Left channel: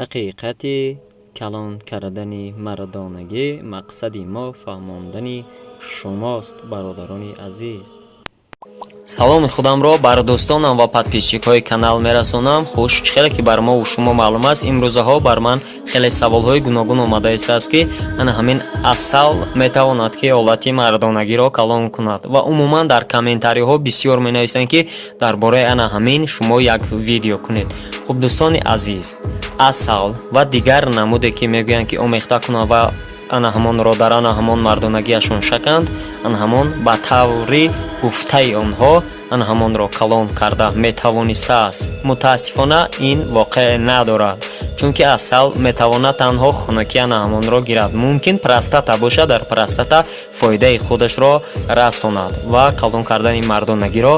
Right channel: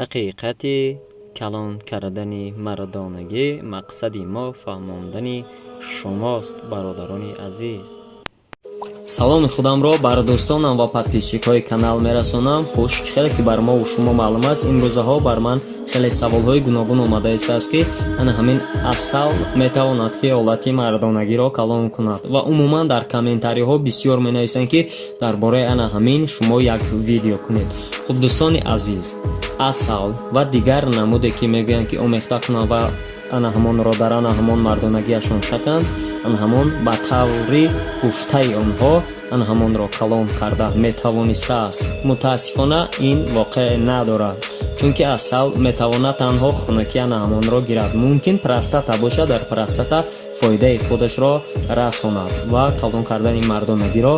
ҳақиқати калон кардани мардонагӣ мақсади мо фаҳмондани шумост, бародарони азиз. саломи худамро бар дӯстонам ва подписчикҳои канал мерасонам. хуш, чӣ хеле ки бар мову шумо маълум аст, имрӯзаҳо бар ман хеле саволҳои гуногун омада истааст ки ана ҳамин асал метавонад ки ҳолати мардонагиро калон кунад ва умуман дар комментариҳо бисёр менависанд ки дар бораи ана ҳамин шумо як видео кунед. хуб дӯстони азиз, асал ва дигар намуде ки мегӯянд ки омехта кунанд ва ана ҳамонро дар ана ҳамон мардонагиашон шаканд, ана ҳамон ба таври гуфтаи онҳо ана ҳамонро калон карда метавонистааст. мутаассифона ин воқеъ надорад, чунки асал метавонад танҳо хунукӣ ана ҳамонро гирад. мумкин простата бошад, дар простата фоидаи худашро расонад ва калон кардани мардонагиро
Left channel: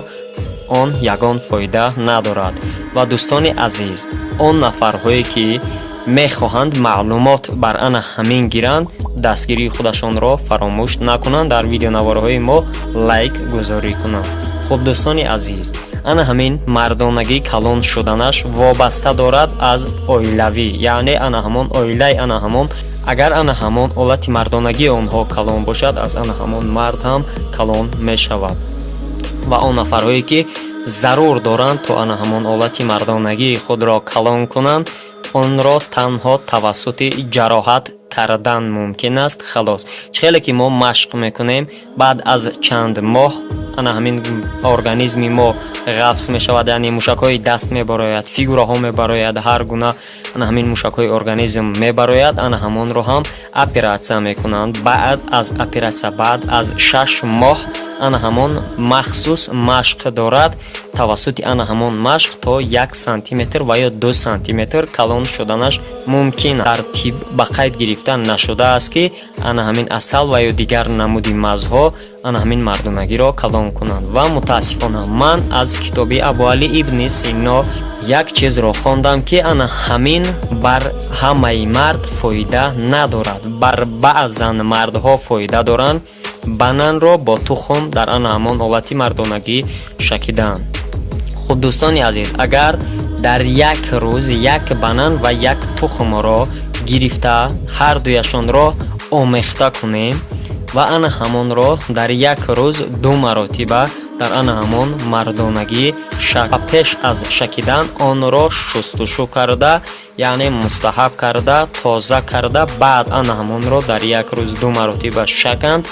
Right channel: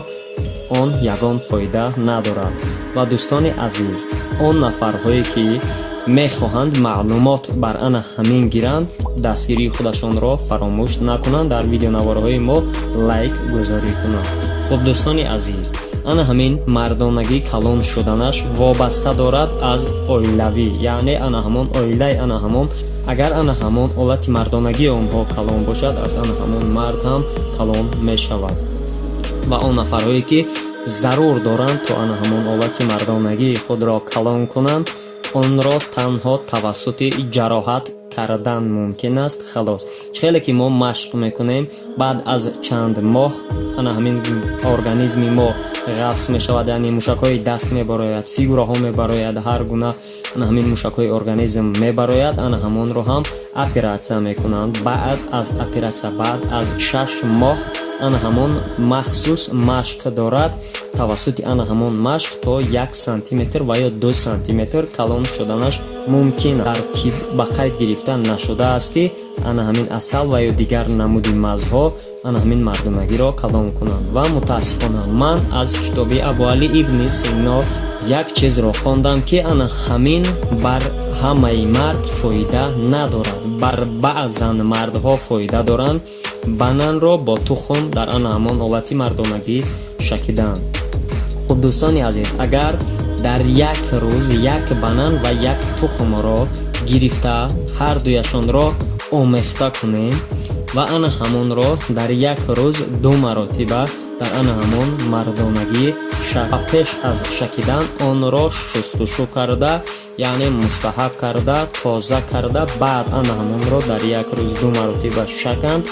он ягон фоида надорад. ва дӯстони азиз, он нафарҳое ки мехоҳанд маълумот бар ана ҳамин гиранд, дастгирии худашонро фаромӯш накунанд, дар видеонавораҳои мо лайк гузорӣ кунанд. хуб дӯстони азиз, ана ҳамин мардонагӣ калон шуданаш вобаста дорад аз оилавӣ, яъне ана ҳамон оилаи ана ҳамон, агар ана ҳамон ҳолати мардонагии онҳо калон бошад, аз ана ҳамон мард ҳам калон мешавад. ва он нафарҳое ки зарур доранд то ана ҳамон ҳолати мардонагии худро калон кунанд, онро танҳо тавассути ҷароҳат кардан мумкин аст. халос, чӣ хеле ки мо машқ мекунем, баъд аз чанд моҳ ана ҳамин организми мо ғафс мешавад, яъне мушакҳои даст мебарояд, фигураҳо мебарояд, ҳар гуна ана ҳамин мушакҳои организм мебарояд, ана ҳамонро ҳам оператсия мекунанд. баъд аз оператсия, баъд аз 6 моҳ ана ҳамон махсус машқ дорад. тавассути ана ҳамон машқ то 1 сантиметр ва ё 2 сантиметр калон шуданаш мумкин. дар тиб ба қайд гирифта нашудааст ки ана ҳамин асал ва ё дигар намуди мазҳо ана ҳамин мардонагиро калон кунанд. ва мутаассифона ман аз китоби Абуали ибни Сино як чизро хондам ки ана ҳамин бар ҳамаи мард фоида надорад, бар баъзан мардҳо фоида доранд. бананро бо тухм дар ана ҳамон ҳолати мардонагӣ шакиданд. хуб дӯстони азиз, агар дар як рӯз як банан ва як тухмро гирифта ҳардуяшонро омехта кунем ва ана ҳамонро дар як рӯз 2 маротиба дар ана ҳамон мардонагӣ пеш аз шакидан онро шустушу карда, яъне мустаҳаб карда, тоза карда, баъд ана ҳамонро дар як рӯз 2 маротиба шаканд,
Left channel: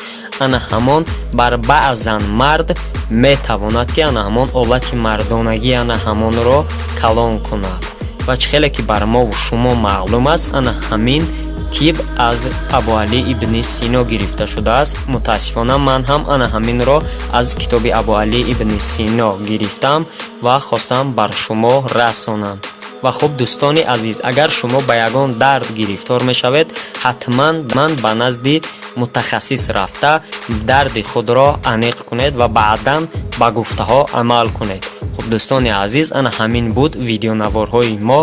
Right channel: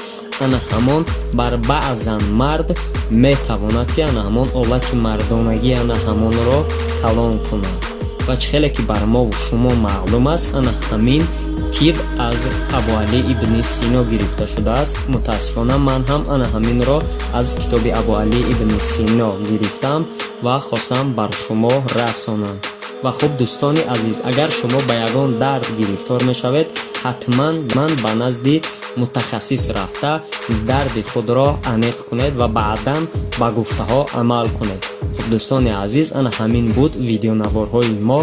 ана ҳамон бар баъзан мард метавонад ки ана ҳамон ҳолати мардонагӣ ана ҳамонро калон кунад. ва чӣ хеле ки бар мову шумо маълум аст, ана ҳамин тиб аз Абуали ибни Сино гирифта шудааст. мутаассифона ман ҳам ана ҳаминро аз китоби Абуали ибни Сино гирифтам ва хостам бар шумо расонам. ва хуб дӯстони азиз, агар шумо ба ягон дард гирифтор мешавед, ҳатман ман ба назди мутахассис рафта дарди худро аниқ кунед ва баъдан ба гуфтаҳо амал кунед. хуб дӯстони азиз, ана ҳамин буд видеонаварҳои мо.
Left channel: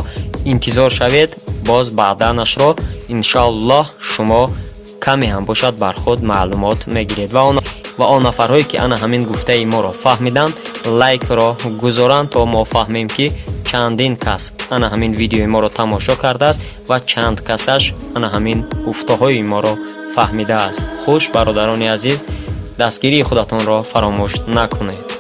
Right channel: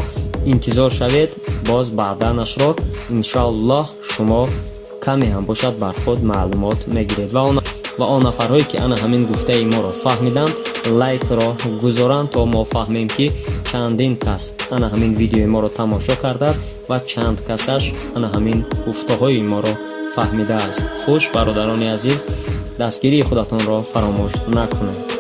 интизор шавед, боз баъданашро иншоаллоҳ шумо каме ҳам бошад бар худ маълумот мегиред. ва он нафарҳое ки ана ҳамин гуфтаи моро фаҳмиданд, лайкро гузоранд то мо фаҳмем ки чандин кас ана ҳамин видеои моро тамошо кардааст ва чанд касаш ана ҳамин гуфтаҳои моро фаҳмидааст. хуш, бародарони азиз, дастгирии худатонро фаромӯш накунед.